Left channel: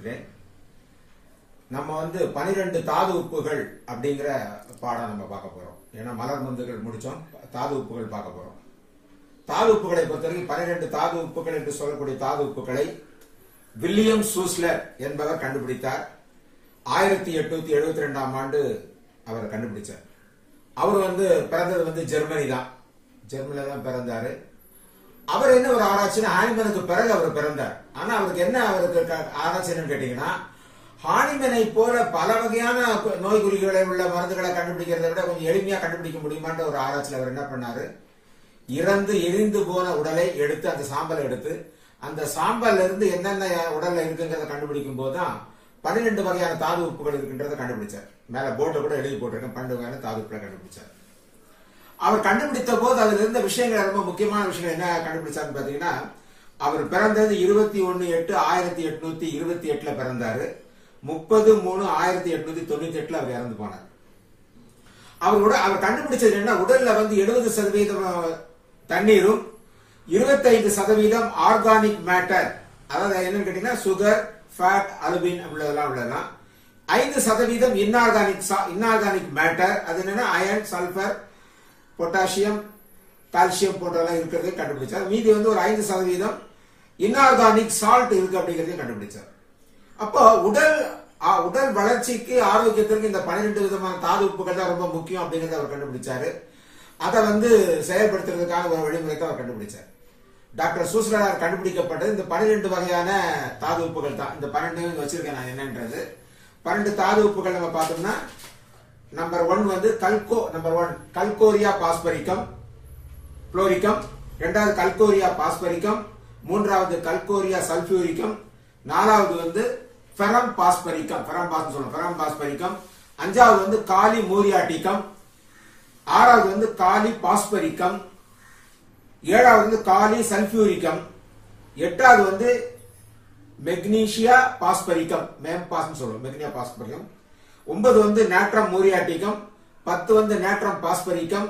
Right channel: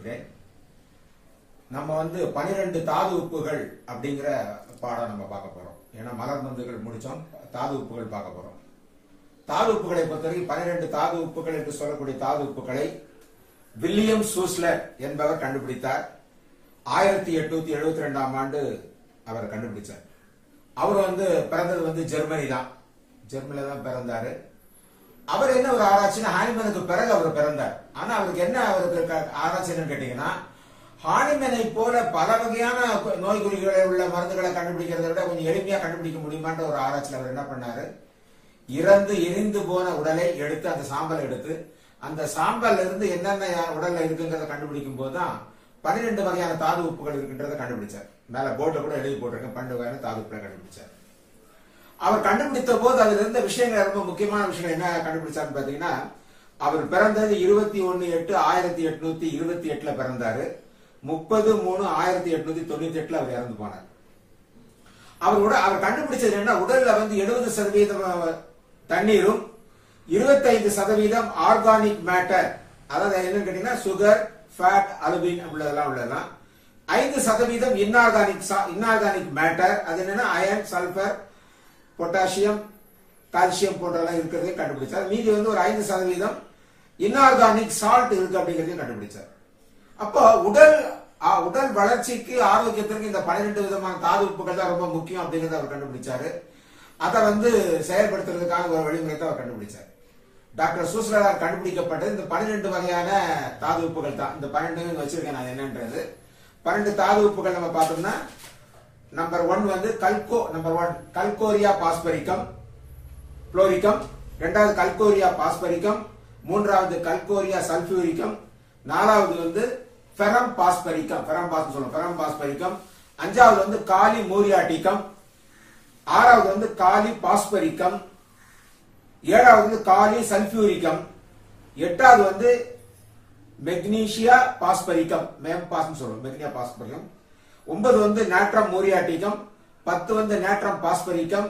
வரவேற்கிறேன். நம்ம 12 தாது உப்புகள் அப்படிங்கிற பாடம் நம்ம பார்க்க போறோம். ஏன்னா மலர் மருந்துகள் முடிச்சோம், தாது உப்புகள் பார்க்க போறோம். தாது உப்புகளை பொறுத்தவரைக்கும் 12 தாது உப்புகள் என்று சொல்லக்கூடிய தாது உப்புகளை வில்லியம் சூஸ்லர் என்பவர் கண்டுபிடித்தார். 1872ஆம் ஆண்டு அவர் கண்டுபிடிச்சார். அவர் பிறந்தது ஜெர்மனி தான். ஜெர்மனில தான் பிறந்தாரு. அவர் என்ன ஒரு ஆராய்ச்சினா, ஹானிமனுக்கு பிறகு அவர் பிறந்தார். ஆனா அவருக்கு என்ன ஆராய்ச்சி என்னன்னு கேட்டீங்கன்னா, ஹானிமனை போல பல வகையான நோய் குறிகளை உள்ள மருந்துகளை கண்டுபிடிக்கிறத விட கொஞ்சம் எளிமையா கண்டுபிடிக்க முடியுமான்ற ஒரு ஆராய்ச்சியில் அவர் என்ன பண்ணாரு, இறந்து எரிந்து போன உடலை எடுத்து அந்த சாம்பலை எடுத்து அந்த சாம்பல்ல இருந்து என்னென்ன உடல்ல இருக்குங்கிறத கண்டுபிடிக்கும் போதுதான் 12 வகையான தாது உப்புகள் இருக்கின்றத கண்டுபிடிச்சார். மேல போர்ட்ல கூட எழுதி போட்டிருக்கேன், 12 வகையான தாது உப்புகளை கண்டுபிடிச்சார். அவர் கண்டுபிடித்த போது அதுல இருந்த விஷயங்கள், ரொம்ப முக்கியமான விஷயம் என்ன கண்டுபிடிச்சாருன்னு பாத்தீங்கன்னா, அவர் பிறந்தது 21/8/1828 பிறந்தாரு. 30/3/1898 அவர் இறந்து போனார். அவர் கண்டுபிடிச்சது என்ன, உடல்ல 70% தண்ணீரும் 25% ஆர்கானிக் மேட்டர், அதாவது என்னன்னு கேட்டீங்கன்னா சுகர், ஃபேட், அலுமின் உள்ளதெல்லாம் 5% இன்ஆர்கானிக் மேட்டர், அது என்னன்னா அயன், சல்பர், பொட்டாசியம், கால்சியம் போன்றெல்லாம் இருக்கிறதே கண்டுபிடிச்சார். மீதி ஒரு 5% இன்ஆர்கானிக் சால்ட் இருக்கு அப்படிங்கறதையும் கண்டுபிடிச்சார். அப்போ உடல் வளர்ச்சிக்கு, ஆரோக்கியத்திற்கு இந்த 12 விதமான தாது உப்புகள் தான் ரொம்ப முக்கியம் அப்படிங்கறத அவர் கண்டுபிடிச்சாரு. அதை செயல்படுத்துறதுக்கான ஒரு வழிமுறை தான் அவர் கண்டுபிடிச்சார். டாக்டர் சூஸ்லரால் கண்டுபிடிக்கப்பட்டது இந்த 12 வகையான தாது உப்புகள் தான். இந்த 12 வச்சிருக்கேன் நான் என்னன்றது. 12 தாது உப்புகள் நம்ம பார்த்தோம்னா, நம்பர் 1 கல்கோரியா பாஸ்பரிக்கம் புளோரிக்கம், 2வது கல்கோரியா பாஸ்பரிக்கம், 3வது கல்கோரியா சல்பியூரிக்கம், 4வது ஃபெரம் பாஸ்பரிக்கம், ஃபெரம் பாஸ்பரிக்கம், 5வது காலி மூரியாட்டிக்கம், 6வது காலி பாஸ்பரிக்கம், 7வது காலி சல்பியூரிக்கம், 8வது மெக்னீசியா பாஸ்பரிக்கம், மெக்னியா பாஸ்பரிக்கம், 9 நேட்ரம் மூரியாட்டிக்கம், 10 நேட்ரம் பாஸ்பரிக்கம்,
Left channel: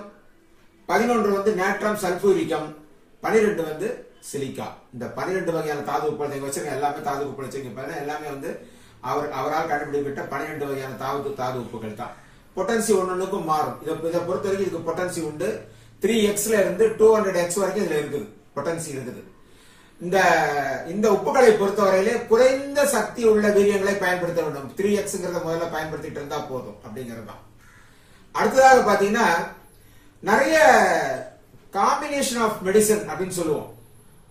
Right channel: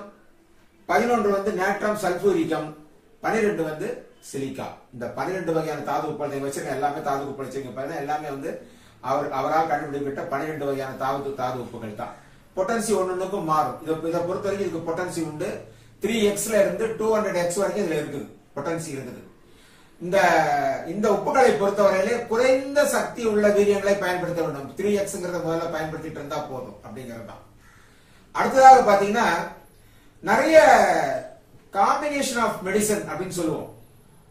11 நேட்ரம் சல்பூரிக்கம், 12 சிலிக்கா. இந்த 12 வகையான தாது உப்புகளை வச்சிருக்க எல்லாமே தாது உப்புகள் வச்சிருக்க எல்லாமே அவரால் கண்டுபிடிக்கப்பட்ட 12 வகையான தாது உப்புகள் தான். பொட்டன்சி ஒன்னொன்னுக்கும் மாறும். இதை பொறுத்த வரைக்கும் இதுக்கு பொட்டன்சி உண்டு. 3x இருந்து 200x வரைக்கும் இதுல இருக்குது, பொட்டன்சி இருக்குது. இந்த உப்புகளை பொறுத்தவரையிலே குறைந்த சக்தி உள்ள வீரியங்களை பயன்படுத்த வேண்டும். 3xங்கிறத முதல்ல பயன்படுத்திட்டு இருந்தா போதும் அப்படிங்கிறது தான். அடுத்ததாக பாத்தீங்கன்னா, நிறைய காம்பினேஷன் ஆஃப் மெடிசன் அப்படின்னு சொல்லுவோம்.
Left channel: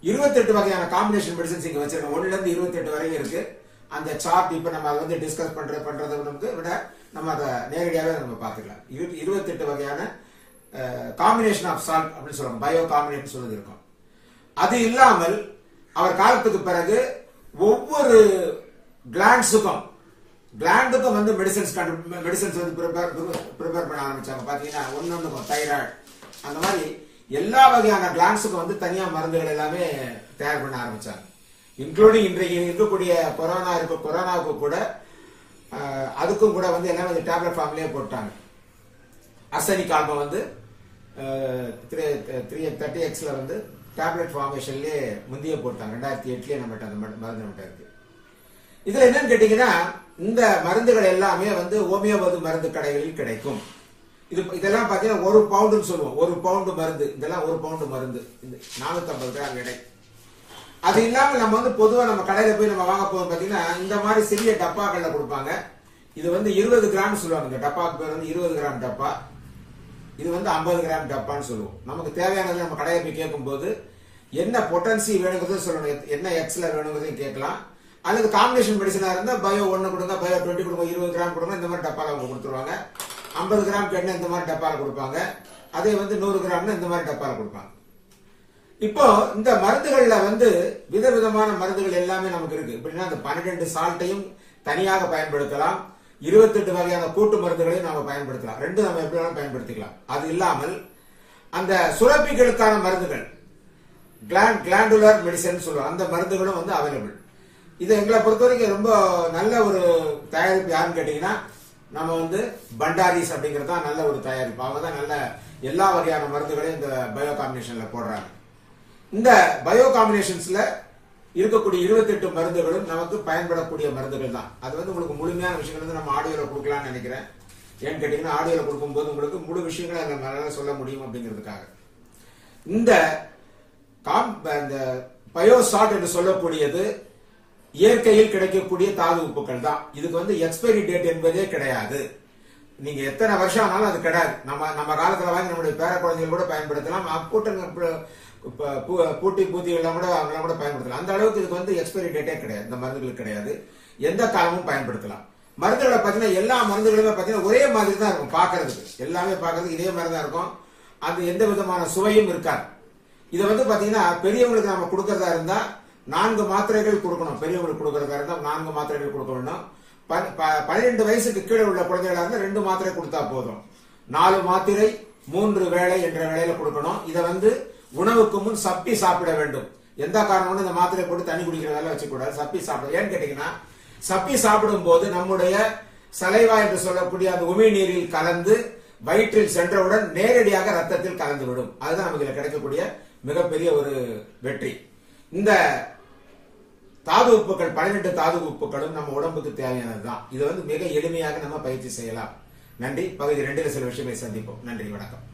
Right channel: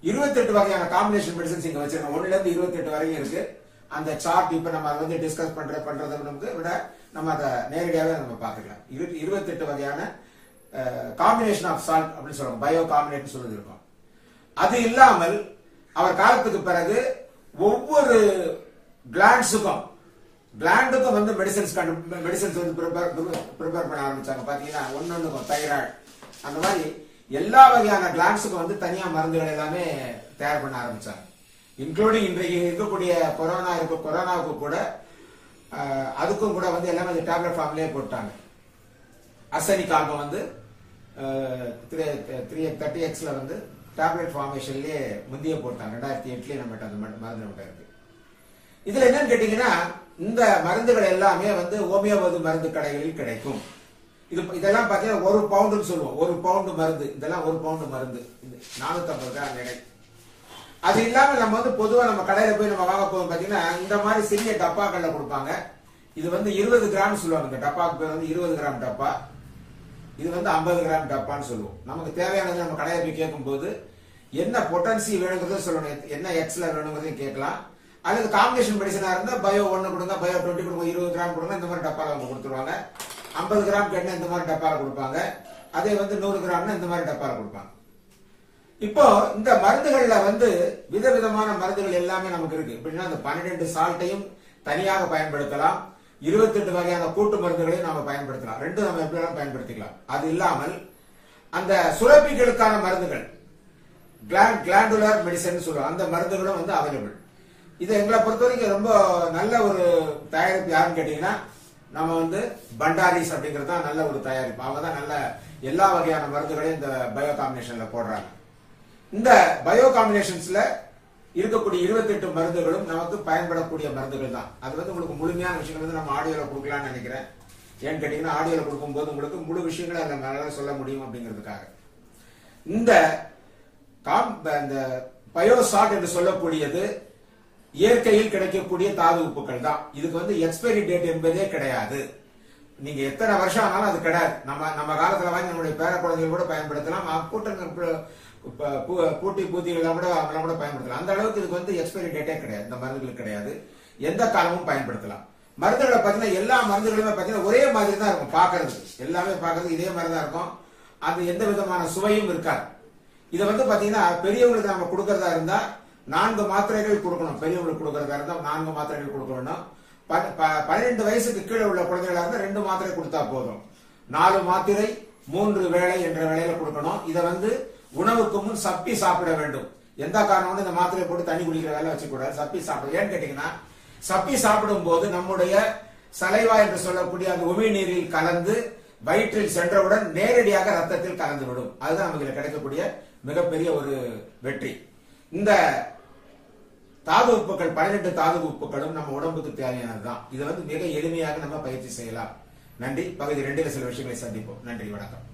28 வகையான காம்பினேஷன் மெடிசன்ஸ் இங்க வச்சிருக்கோம். 1ல இருந்து 28 வரைக்கும் இருக்கு. அந்த சார்ட் இப்ப நம்ம அதை டிஸ்கஸ் பண்றதை விட நம்ம அதை நேரடியாக நம்ம பார்த்துக்கலாம். 28 வகையான காம்பினேஷன் ஆஃப் சால்ட் அப்படின்னு சொல்லுவாங்க, பயோ காம்பினேஷன் சொல்லுது இருக்கும். அது இல்லாமல் அவர் காலத்துக்கு பிறகு ஒவ்வொரு கிளாண்டுக்கும் மெடிசன்ஸ் ப்ரிப்பேர் பண்ண ஆரம்பிச்சாங்க. பாத்தீங்கன்னா ஒன்னொன்னுக்கும் தைராய்டு, அந்த மாதிரி எல்லா வகையான கிளாண்ட்ஸுக்கும் தனியா மருந்துகள் எல்லாமே தயார் பண்ண ஆரம்பிச்சாங்க. இன்க்ளூடிங் இன்றைக்கு இருக்கக்கூடிய கொரோனாவுக்கு கூட அதுக்கும் கூட எல்லாமே டேப்லெட் ஃபார்ம்லயே போட்டாங்க. அர்சனிக் ஆல்பம் 330xல டேப்லெட் ஃபார்மேஷன்லயே முந்திய போட்டாங்க. 2008லயே நம்மகிட்ட அந்த மருந்து நம்மகிட்ட இருக்கு. இதுல என்னன்னு கேட்டீங்கன்னா, இந்த மருந்துகள் எல்லாமே ஹோமியோபதி மருந்து கடைகளில் கிடைக்கும். இதெல்லாம் பாத்தீங்கன்னா 1 பவுண்டுன்னு சொல்லுவோம். 1 பவுண்டு மருந்து, இதெல்லாம் 1 பவுண்டு மருந்து, 450 கிராம் எடை. அது இல்லாம நம்ம பொதுவா நம்ம கடையில போய் நம்ம வாங்க போவோம். பாத்தீங்கன்னா இந்த மாதிரி சிறிய டப்பாக்கள்ல கொடுப்பாங்க. இது 20 கிராம் சொல்லுவாங்க. இந்த டப்பாக்கு பேர் 20 கிராம் டப்பா. இது 50 கிராம் டப்பான்னு சொல்லுவோம். நமக்கு தேவையானது நம்ம கடையில போய் கேட்கும் போது என்ன பொட்டன்சி வேணுங்கிறத சொல்லணும், என்ன எக்ஸ்ல வேணுங்கிறதையும் கேட்கலாம். அல்லது காம்பினேஷன் மெடிசனா இருந்தா பயோ 1 கொடுங்க, பயோ 20 கொடுங்க, 20 கிராம் கொடுங்க, இந்த மாதிரி டப்பால அவங்க கொடுத்துருவாங்க. 50 கிராம் கேட்டா இந்த மாதிரி டப்பால கொடுப்பாங்க. அதே 100 கிராம்னா இந்த மாதிரி டப்பால கொடுப்பாங்க. இப்போ இந்த மருந்துகள்ல விதவிதமான மருந்துகள் எல்லாமே நமக்கு இருக்கு. எப்படின்னா, அந்த 12 சால்ட்டையும் தனியாக பயன்படுத்தலாம், 28 வகையான கூட்டு மருந்துகளையும் நாம பயன்படுத்தலாம். ரெண்டு நம்ம எப்படி வேணாலும் பயன்படுத்திக்கலாம். அது இல்லாமல் அந்த சுரப்பிகளுக்கான மருந்துகள், கிளாண்டுலர் மெடிசன் சொல்லுவாங்க, அந்த மருந்துகளும் அவைலபிள். இது எங்களை பொறுத்த வரைக்கும் ரொம்ப நல்ல ஒரு தயாரிப்பு யாருன்னு கேட்டீங்கன்னா, நம்ம பண்டாரிஸ் அப்படிங்கிறது தான் நல்ல ஒரு தயாரிப்பு. அவங்க தான் நல்ல எல்லா வகையான மருந்துகளையும் இந்த பயோ காம்பினேஷன்ல போடுறாங்க. இந்த பயோ காம்பினேஷன்ஸ்ல இருக்கக்கூடிய 28 மருந்துகளும் நமக்கு பயன்படக்கூடிய மருந்துகள் தான். அது வந்து உங்களுக்கு முழுமையான விஷயங்கள் வந்து நம்ம ஆடியோல கொடுக்கலாம்னு நினைக்கிறேன். ஏன்னு கேட்டீங்கன்னா ஆடியோல கொடுக்கும்போது உங்களுக்கு முழு விஷயங்களை அந்த மேல சொல்ல முடியும் அப்படிங்கிறதுக்காக. இந்த பயோசால்ட் என்று சொல்லக்கூடியது இயற்கையில் கிடைக்கக்கூடிய தாது உப்புக்கள் தான். இதுக்கு வந்து எக்ஸ்பைரி டேட் என்பதே கிடையாது. நீங்க எத்தனை வருஷம் ஆனாலும் அது கிடையாது. நம்ம காலத்துல வாங்கி நம்முடைய பேர குழந்தைகள் கூட பயன்படுத்தலாம். பூட்டி பூத்திகள்லாம் கூட அவங்களாம் கூட பயன்படுத்தலாம். அந்த அளவுக்கு இதுக்கு வந்து எக்ஸ்பைரி டேட்டே கிடையாது. இந்த மருந்துகளுக்கு கிடையாது. எந்த காலமும் பயன்படுத்தலாம். மருந்துகளை பார்த்தீங்கன்னா எல்லா மருந்துகளுமே பார்த்தீங்கன்னா ஒரே மாதிரி தான் இருக்கும் பாக்குறதுக்கு. எல்லாமே பாக்குறதுக்கு இதே மாதிரி தான் இருக்கும். அது எந்த விதமான சுவையும் இருக்காது. இதை வந்து பாத்தீங்கன்னா பெரியவங்களுக்கு நம்ம கொடுக்கறதா இருந்தா 4 மாத்திரைகள் கொடுக்கணும். பெரியவங்களுக்கு கொடுக்கறதா இருந்தா 4 மாத்திரைகள் கொடுக்கணும். 12 வயசுக்கு கீழே உள்ள குழந்தைகளா இருந்தா 2 மாத்திரை கொடுத்தா போதும். 4 மாத்திரை 3 வேளை என்ற வேளையில கொடுக்கணும். இதை வந்து உணவுக்கு முன் சப்பி சாப்பிட வேண்டும். எந்த காரணம் இந்த மாத்திரை போட்டு தண்ணி குடிக்கிற வேலை வச்சுக்கூடாது. சப்பி சாப்பிட. ஏன்னு கேட்டீங்கன்னா சப்பி சாப்பிடும் போது நம்முடைய சலைவா என்று சொல்லக்கூடிய அந்த உமிழ்நீரில் கலந்து வயிற்றில் சென்றவுடன் நேரடியாக ரத்தத்தில் கலந்துவிடும். அதுதான் நமக்கு இதுல கிடைக்கக்கூடிய மிகப்பெரிய ஒரு வெற்றி. இந்த தாது உப்புக்கள் 18 தாது உப்புக்களும் நம்ம உடம்புக்கு தேவையானதுதான். இதை வந்து மிக எளிமையாக நம்ம பயிற்சி செய்யலாம். நன்றி. பகுதி 2 சில விஷயங்களை சந்திப்போம். நன்றி, வணக்கம்.